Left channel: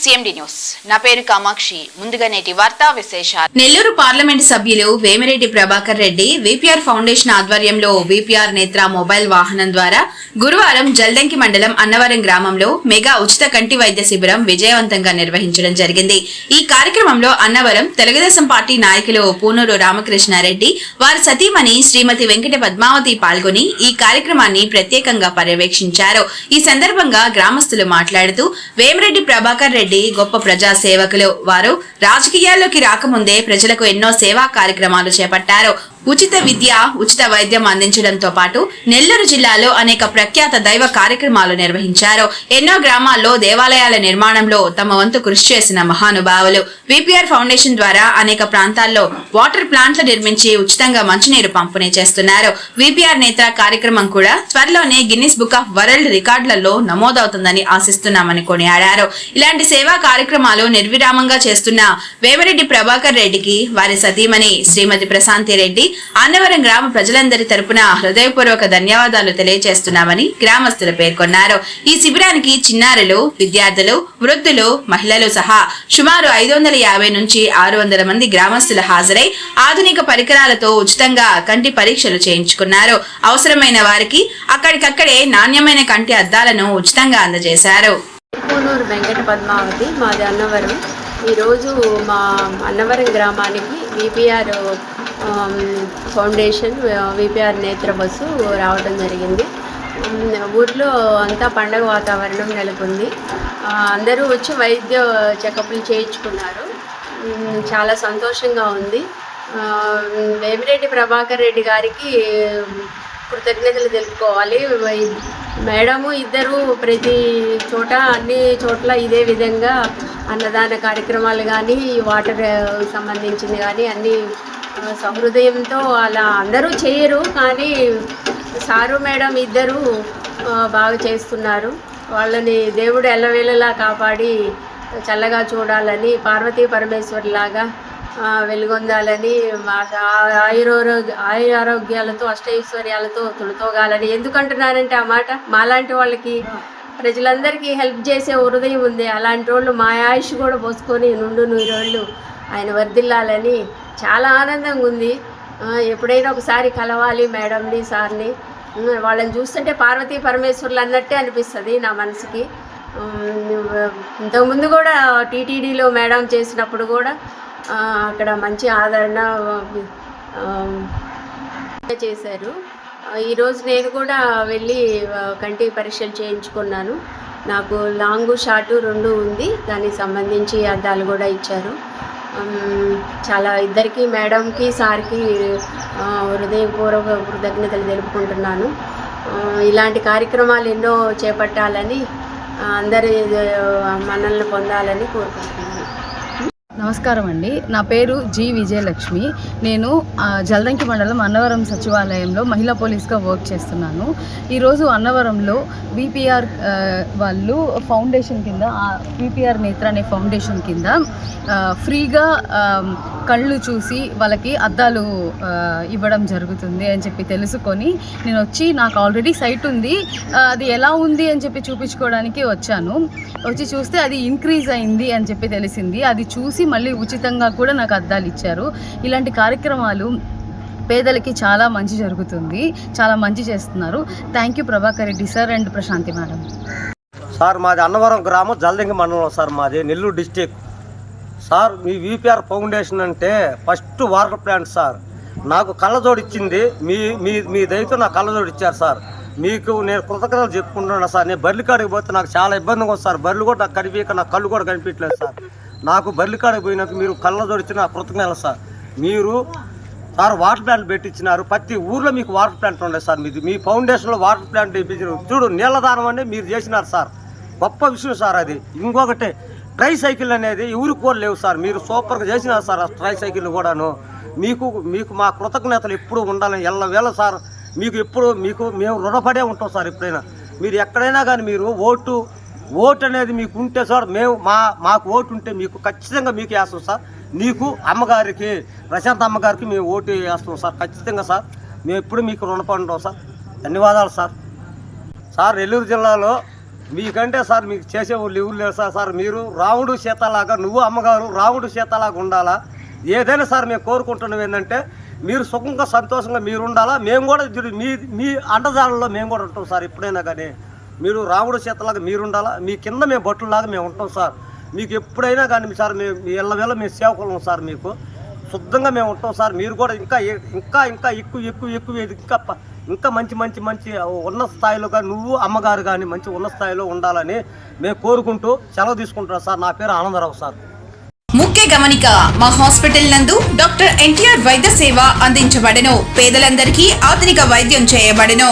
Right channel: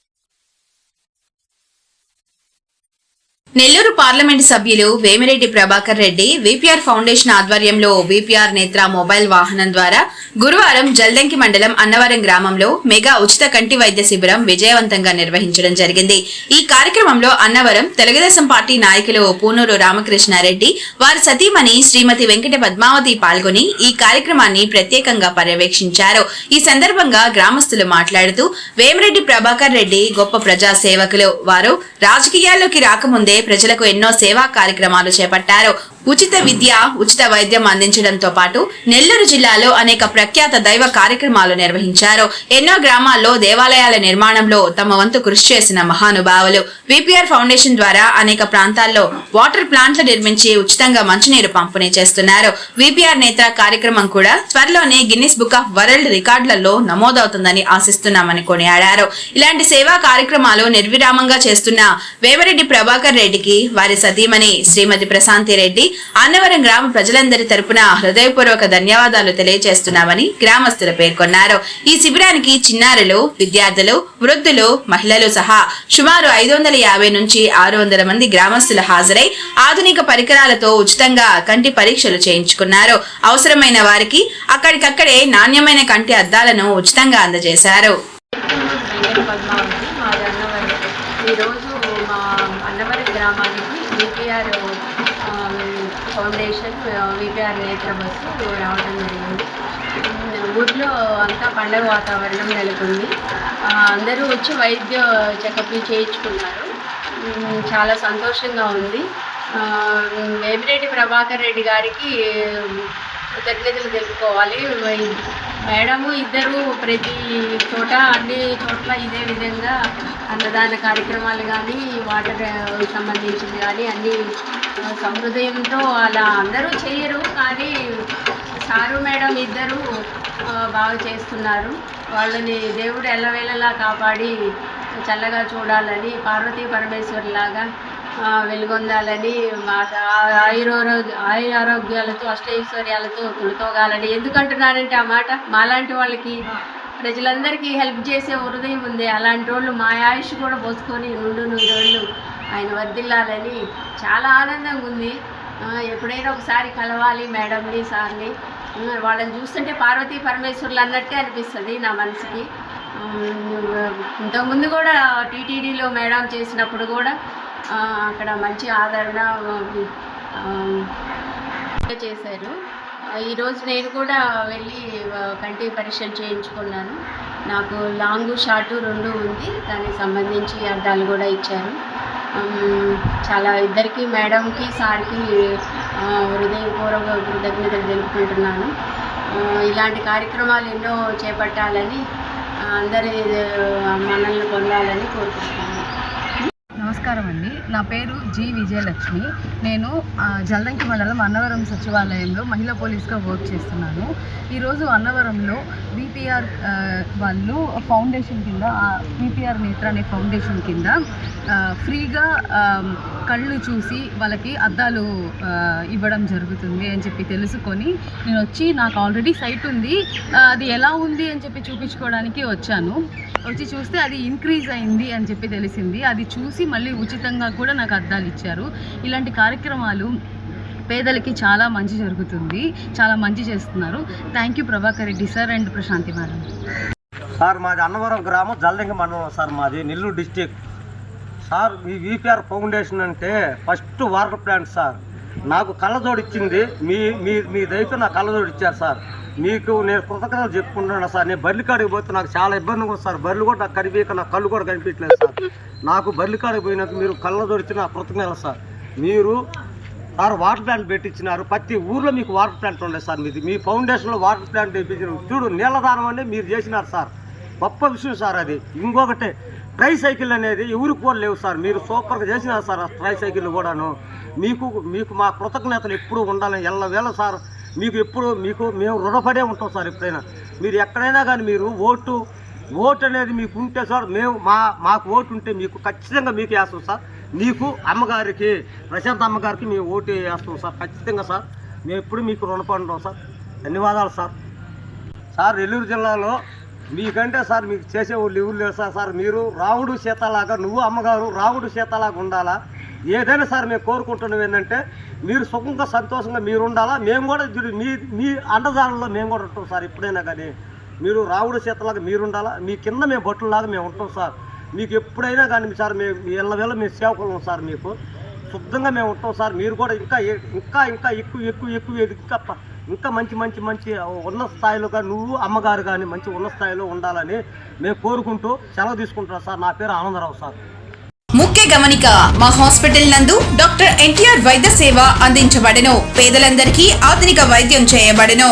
CMD news నా పేరు కామాక్షి. ముందుగా నేటి వార్తా విశేషాలు. నెల్లూరు పార్లమెంట్ సభ్యులు వేమిరెడ్డి ప్రభాకర్ రెడ్డి విపిఆర్ ఫౌండేషన్ ఆధ్వర్యంలో విపిఆర్ నేత్ర మొబైల్ వాహనం ద్వారా గురువారం జల్దంకి మండలం అన్నవరం గ్రామంలో మెగా ఉచిత కంటి వైద్య శిబిరం విజయవంతంగా నిర్వహించడం జరిగింది. ఈ కార్యక్రమంలో అన్నవరం తెలుగుదేశం పార్టీ నాయకులు పూనూరు రామకృష్ణారెడ్డి, వారి సతీమణి శ్రీమతి వెంకట పద్మావతి పాల్గొని ఈ కార్యక్రమాన్ని ప్రత్యేకంగా పర్యవేక్షించారు. ఈ సందర్భంగా గ్రామస్తులు మాట్లాడుతూ వేమిరెడ్డి ప్రభాకర్ రెడ్డి గొప్ప ప్రజా సేవకులు. వారు రాజకీయాల్లోకి రాకముందే ప్రజలకు ఎన్నో సేవా కార్యక్రమాలు చేపట్టారు. ఉచిత విద్య, ఉచిత వైద్యం అందించడంతో పాటు నెల్లూరు జిల్లాలో అనేక ప్రఖ్యాత దైవ కార్యక్రమాలు నిర్వహించారు. ఎన్నో గ్రామాల్లో దేవాలయాల నిర్మాణంలో తమ వంతు కృషి చేసిన మహానుభావులు. విపిఆర్ ఫౌండేషన్ ద్వారా అనేక ప్రాంతాల్లో వాటర్ ప్లాంట్లు నిర్మించి ఉచితంగా మంచినీరు పంపిణీ చేస్తున్నారు. విపిఆర్ నేత్ర కార్యక్రమం కూడా త్వరలోనే గిన్నిస్ బుక్ ఆఫ్ వరల్డ్ రికార్డులలో నమోదవుతుందని ఆశిస్తున్నామని కొనియాడారు. ఇలాంటి సేవా కార్యక్రమాలు నిర్విరామంగా చేస్తున్న వేమిరెడ్డి ప్రభాకర్ రెడ్డికి, వారి సతీమణి శ్రీమతి ప్రశాంతి రెడ్డి, అన్నవరం గ్రామ ప్రజలందరి తరపున హృదయపూర్వక ధన్యవాదాలు తెలియజేస్తున్నామని గ్రామస్తులు పేర్కొన్నారు. ఈ శిబిరానికి చిన్నారులు, విద్యార్థులు, వృద్ధులు, మహిళలు సహా సుమారు 550 నుంచి 600 మంది గ్రామస్తులు హాజరై ఆధునిక పరికరాలతో ఉచితంగా కంటి పరీక్షలు చేయించుకున్నారు. అవసరమైన వారికి అక్కడికక్కడే నాణ్యమైన కంటి అద్దాలను ఉచితంగా అందజేశారు. పూనూరు వెంకట పద్మావతి, మాది అన్నవరం. ఈరోజు మా అన్నవరం గ్రామానికి విపిఆర్ ఫౌండేషన్ విపిఆర్ నేత్ర బస్సు రావడం జరిగింది. ఊర్లో అంతా పండగ వాతావరణం నెలకొంది. అందరూ వచ్చి వైద్య చెకప్లు చేయించుకున్నారు. చాలా సంతోషంగా ఉంది. వేమిరెడ్డి ప్రభాకర్ రెడ్డి గారికి కృతజ్ఞతలు తెలుపుకోవాలి. మేడము ఇద్దరు ప్రతి చోట అన్ని చోట్ల ఇదే విధంగా అన్నదాన కార్యక్రమాలు కానీ, వాటర్ సంబంధించింది కానీ అన్నీ సహృదయంతో అలా అందరూ చేయరు, కానీ సారు మేడం ఇద్దరు బాగా చేస్తున్నారు. వాళ్ళని దేవుడు ఎల్లవేళలా కాపాడి చల్లగా చూడాలని, పార్వతీ పరమేశ్వరులాగా వెలుగొందాలని, ఆయురారోగ్యాలతో అష్టైశ్వర్యాలతో తొలతోగాలని. ఎందుకంటున్నారంటే ఆ మాట, మాలాంటి వాళ్ళకి ప్రజలందరికీ హెల్ప్ చేసే హృదయం ఉంది. అలాంటి వాళ్ళు మా ఆయుష్ కూడా పోసుకొని నుండు 100 రోజులు ఆయన వర్ధిల్లాలని చాలా ఆనందంగా ఉంది. ఎప్పుడైనా ఒకసారి కలవాలి మేడంని, సార్ని. వాళ్ళని చూస్తుంటే పార్వతీ పరమేశ్వరులు అన్నట్టే అనిపిస్తుంది నా మనసుకి. ఇంతకుముందు కూడా టీటీడీలో మేడం చేసినప్పుడు కూడా అక్కడ మంచి ఆదరణ చేశారు. ఈరోజు నేను కూడా వెళ్ళి కంటి పరీక్షలు చేయించుకున్నాను. నాకు లాంగు షార్టు 2 ఉంది. దానికి సంబంధించి అద్దాలు కూడా ఇచ్చారు. చాలా ఇద్దరికి, మేడంకి, సార్కి హృదయపూర్వక కృతజ్ఞతలు తెలుపుకుంటున్నాను. ఇలాంటి కార్యక్రమాలు ఎన్నో చేపట్టాలని, అందరి మన్ననలు పొందాలని కోరుకుంటున్నాను. నమస్కారం అండి. నా పేరు జి విజయలక్ష్మి. నేను జల్దంకి మండలం అన్నవరం సచివాలయంలో మహిళా పోలీస్గా వర్క్ చేస్తున్నాను. ఈరోజు అన్నవరంలో విపిఆర్ వాళ్ళు ఫౌండేషన్ కింద, విపిఆర్ నేత్ర అనే ఫౌండేషన్ కింద ఫ్రీగా కళ్ళు చూసి వాళ్ళకి అద్దాలు ఇవ్వడం జరుగుతుంది అని చెప్పి తెలుసుకొని నేను వచ్చి, నాకు ఆల్రెడీ సైట్ ఉంది, అది ఎలా ఉంది అని చెప్పి చూపించుకోవడానికి వచ్చాను. వచ్చి చూస్తే అది ఇంక్రీజ్ అయింది అని చెప్పి తెలిసింది. అది చూసి మళ్ళీ ఉచితంగా కూడా నాకు అద్దాలు ఇచ్చారు. ఇలాంటి కార్యక్రమాలు పేదలకి చాలా మంచి జరుగుతుంది, చాలా మంచి చేస్తున్నారు. Thank you Prabhakar Reddy sir and Prashanti madam. Sir మాది అన్నవరం గ్రామం, జల్దంకి మండలం సార్, మాది నెల్లూరు డిస్టిక్. సార్ మీ విపిఆర్ ఫౌండేషన్ అంటే ఫస్ట్ వాటర్ ప్లాంట్ సార్. నాకు కళ్ళజోడు ఇచ్చింది మీ మీ మీ దయతో నాకు కళ్ళజోడు ఇచ్చారు సార్. మీకు నేను కృతజ్ఞతలు చెప్పుకుంటున్నాను సార్. నేను బర్రెల కాడికి పోతే నాకు చాలా ఇబ్బందిగా ఉంది సార్. బర్రెలు కూడా నాకు కనిపించక, నాకు కళ్ళు కూడా కనిపించలేదు సార్. నాకు బర్రెల కాడికి పోయినాక మీరు కళ్ళజోడు ఇచ్చిన నాకు కృతజ్ఞతలు సార్. మీరు సార్ వాటర్ ప్లాంట్ పెట్టించినారు. ప్రతి ఊర్లో మీకు వాటర్ ప్లాంట్ ఉండదు సార్. మీకు మీ ఫౌండేషన్లో వాటర్ ప్లాంట్ ఇప్పించారు. చూడు, నీళ్ళ దానం అనేది మీరు చేసినారు సార్. గొప్ప విషయం సార్ అది. ఇంకొకటి, ట్రై సైకిల్ అనేది ఎవరికి కూడా లేవు సార్. మీరు సూపర్గా చేసినారు సార్. ట్రై సైకిల్ కూడాను మీకు మా కృతజ్ఞతలు ఎప్పుడు ఉండాలని ఎల్లవేళ సార్. మీకు ఎప్పుడు మేము రుణపడే ఉంటాం సార్. ఎప్పుడైనా మీరు ఎక్కడైనా కానీ మీరు ఓటు అనేది మీకు ఉంటే సార్, మాకు ఓటు ఉంటే మీకు ఖచ్చితంగా మీకు వేస్తాం సార్. మీకు అమ్మగారికి, ప్రశాంత్ అమ్మగారికి మేము ఓటు వేస్తాం సార్ ఖచ్చితంగా సార్. మేము ఎప్పుడు మీకు రుణపడి ఉంటాం సార్. ధన్యవాదాలు సార్. నెల్లూరు జిల్లాలో మీకంటే సార్ మీకు చేసే వాళ్ళు ఎవరు లేరు సార్ మీరు రాముడు సీతలాగా, నువ్వు అమ్మగారు రాముడు సీతలాగా ఉండాలా. ఏదైనా సార్ మేము కోరుకుంటున్నాం ఏంటంటే మీరు సుఖంగా సంతోషంగా మీరు ఉండాలా. మేము కూడా మీ అండజాలంలో మేము కూడా ఉంటాం సార్. ఎప్పుడైనా కానీ మీరు రాముడు సీతలాగా మీరు ఉండాలా. మీ కింద మేము బొట్టులాగా మేము ఉంటాం సార్. మీకు ఎప్పుడైనా కానీ సార్ మేము ఎల్లవేళ మేము సేవకులం సార్. మీకు శుద్ధంగా మేము ఉంటాం సార్. మీరు కూడా ఇంకా ఇంకా ఇంకా ఇంకా మంచి మంచి మంచి ఉన్నత స్థాయిలోగా నువ్వు అమ్మగారు కానీ మంచి ఉన్నత స్థాయిలో ఉండాలని మేము కోరుకుంటూ సెలవు తీసుకుంటున్నాం సార్. నా పేరు ఆనందరావు సార్. ముఖ్య గమనిక, మా హాస్పిటల్ నందు డాక్టర్ ఎన్టీఆర్ వైద్య సేవ అందించబడెను. పేదలందరికీ ఆధునిక వైద్యం చేయబడెను.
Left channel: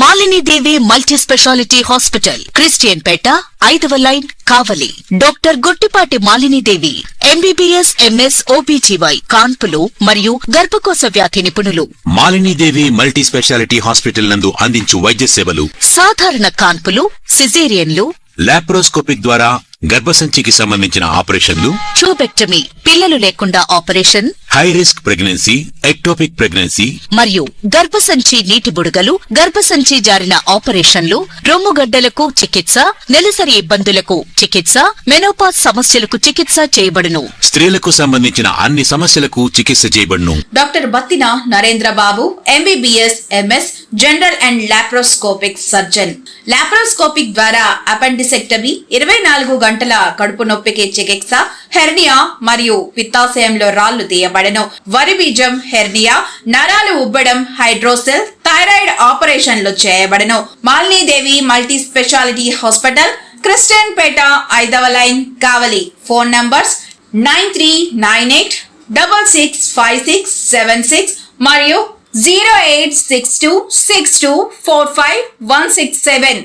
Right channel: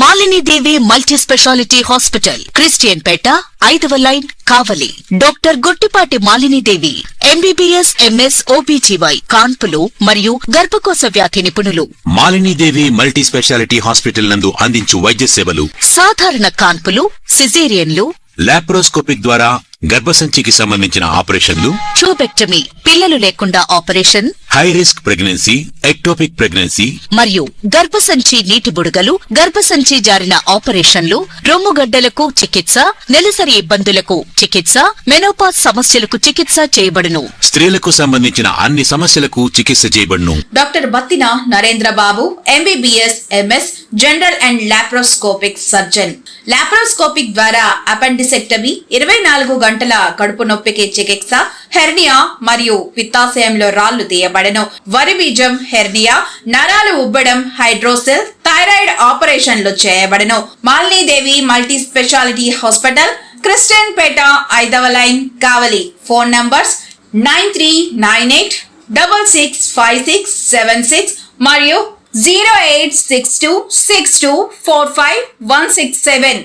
Malinidevi multi speciality hospital, Christian Peta, 5వ line, Kavali. Doctor Gottipati Malinidevi, MBBS MS OBGY, కాన్పులు మరియు గర్భకోశ వ్యాధి నిపుణులు. మాలినీదేవి మల్టీ స్పెషాలిటీ హాస్పిటల్ నందు అందించు వైద్య సేవలు: సాధారణ కాన్పులు, సిజేరియన్లు, లాప్రోస్కోపిక్ ద్వారా గర్భసంచికి సంబంధించిన ఆపరేషన్లు, ట్యూబెక్టమీ, పిల్లలు లేకుండా operation, high risk pregnancy, ectopic pregnancy మరియు గర్భసంచి నీటి బుడగలు, గర్భసంచి జారిన ఆపరేషన్లు, రొమ్ముగడ్డలకు చికిత్స, నెలసరి ఇబ్బందులకు చికిత్స, మెనోపాజ్ సమస్యలకు చికిత్స చేయబడును. స్త్రీలకు సంబంధించిన అన్ని సమస్యలకు చికిత్స చేయబడును. Doctor Battina Narendra Babu, MBBS MS general and laparoscopic surgeon. Laparoscopic ద్వారా అపెండిసెక్టమీ, 24 గంటల కడుపు నొప్పికి చికిత్స, హెర్నియా మరియు పిత్తాశయంలో రాళ్లు తీయబడెను. వరి బీజం, హెర్నియా, నరాలు ఉబ్బడం, హైడ్రోసెల్, థైరాయిడ్ ఆపరేషన్లు చేయబడెను. Malinidevi multi speciality hospital, Christian Peta, 5వ లైన్, కావలి. ఫోన్ నంబర్స్ 9398665676 మరియు 08626245167.